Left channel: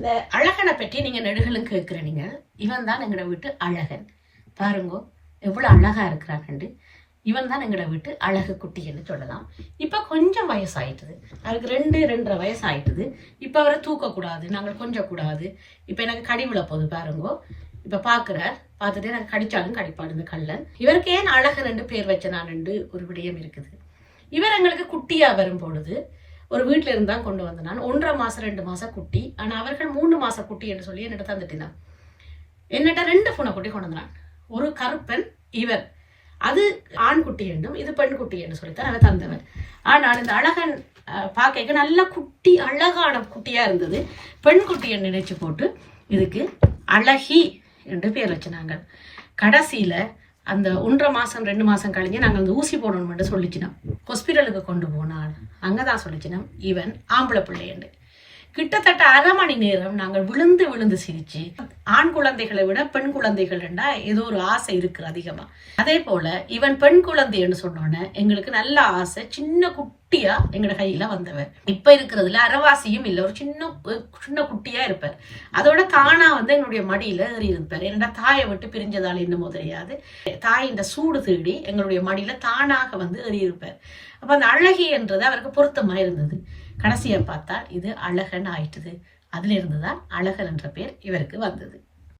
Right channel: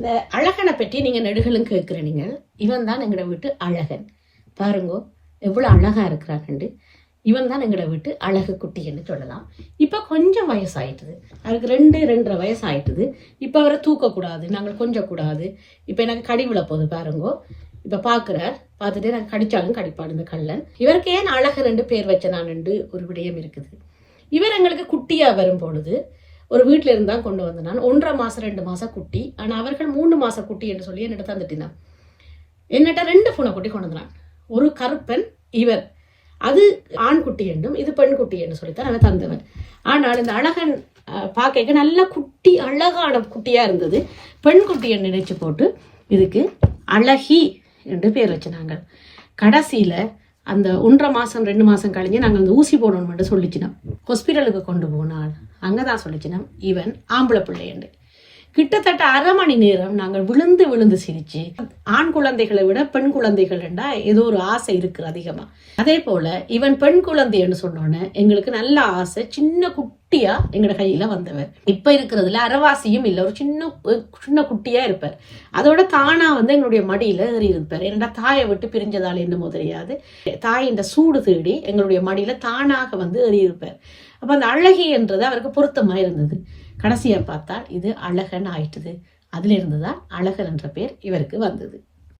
இந்த அழகனை பற்றி நீங்கள் நெடுகளும் கேட்குறீங்க இவன் தான் எங்களை வீட்டு அழகன். பாருங்கோ எவ்வளோ அழகாக இருக்கிறாங்கண்டு. இவன் தான் எங்களை வீட்டு அழகு குட்டின்னு சொல்லலாம். இப்போ கொஞ்சம் வயசாயிட்டுது. அவருக்கு ரெண்டு ரெண்டரை வயசு ஆயிட்டுது இப்போ அவரை தூக்கக்கூடாது நாங்கள் கொஞ்சம் கூடாது இப்போ எனக்கு கடி விழ போகுது பாருங்கோ. இப்போ பார்க்குறார் பார்த்துட்டு எனக்கு கடிச்சாலும் கடிப்பாடு இந்த கள்ளன். இவருக்கு ஏன் அழகு ரெண்டு பேர் வச்ச நான் ஒரு விடயம் இருக்குது. இவர் எங்களுக்கு குட்டியாக வரும் பொழுது ஒரு வீட்டில் இருந்தால் கொண்டு வந்த நான். ஒன்றரை மாதம் ரெண்டு மாதம் குட்டி. ஆனால் அவர்கள் மூணு மாதம் குட்டி என்று சொல்லி என்னிட்ட தந்துட்டினான் என்னட்ட ரெண்டு பூனை குட்டி கொண்டு வந்தான். ஒரு கருப்பன் இவர் அது ஆண் குட்டி என்றும் இது பெண் குட்டி என்று சொல்லித்தான் அவன் தந்தவன். ஆனால் இந்த அழகன் பார்க்க நல்ல குட்டி அழகான குட்டியாக இருந்தது. பெண் குட்டியை நினைச்சு போட்டு இதுக்கு அழகி என்று பேர் வச்சினாங்க. கடைசியில் அந்த ஒன்றரை மாதம் ரெண்டு மாதம் கழிஞ்சு நாங்கள் அந்த ஊசி போடணும்னு சொல்லிச்சினோம் ஹாஸ்பிட்டலுக்கு கொண்டு போனால் அங்கதான் சொல்லிச்சினம் இவன் ஆம்பளை பிள்ளையண்டு. கிட்டத்தட்ட அரை மணி நேரம் நாங்கள் விழுந்து விழுந்து சிரிச்சு ஆண் குழந்தைகளை விட பெண் குழந்தைகள்டா ஏதோ ஒரு ஆசை இருக்கு அதிகமா. அதே போல இவன் பெண் குழந்தைன்னு சொன்னோன்னே எங்களுக்கு நல்ல ஆசை சின்ன குட்டியா எங்கட கையில வந்தவர். இப்ப இருக்கிறதுல அரைவாசியும் இல்லை ஒரு சின்ன சின்ன குட்டியா இருப்பார். அதோட தானா வந்து எங்களுடைய மடியில ஏறி இருப்பார். என்னடா தாயை விட்டு பிரிஞ்சதால என்னமோ தெரியாது. தாயின் சூடு தேடி எங்களுடைய மடியில தானாக வந்து ஏறி இருப்பார். அப்ப அந்த அழகி என்றது அவருக்கு பொருத்தமா இருந்தது. கடைசியை பார்த்தா இது அழகன் ஆயிட்டுது. அதிலிருந்து தான் அழகன் என்ற பேர் இவருக்கு வந்தது.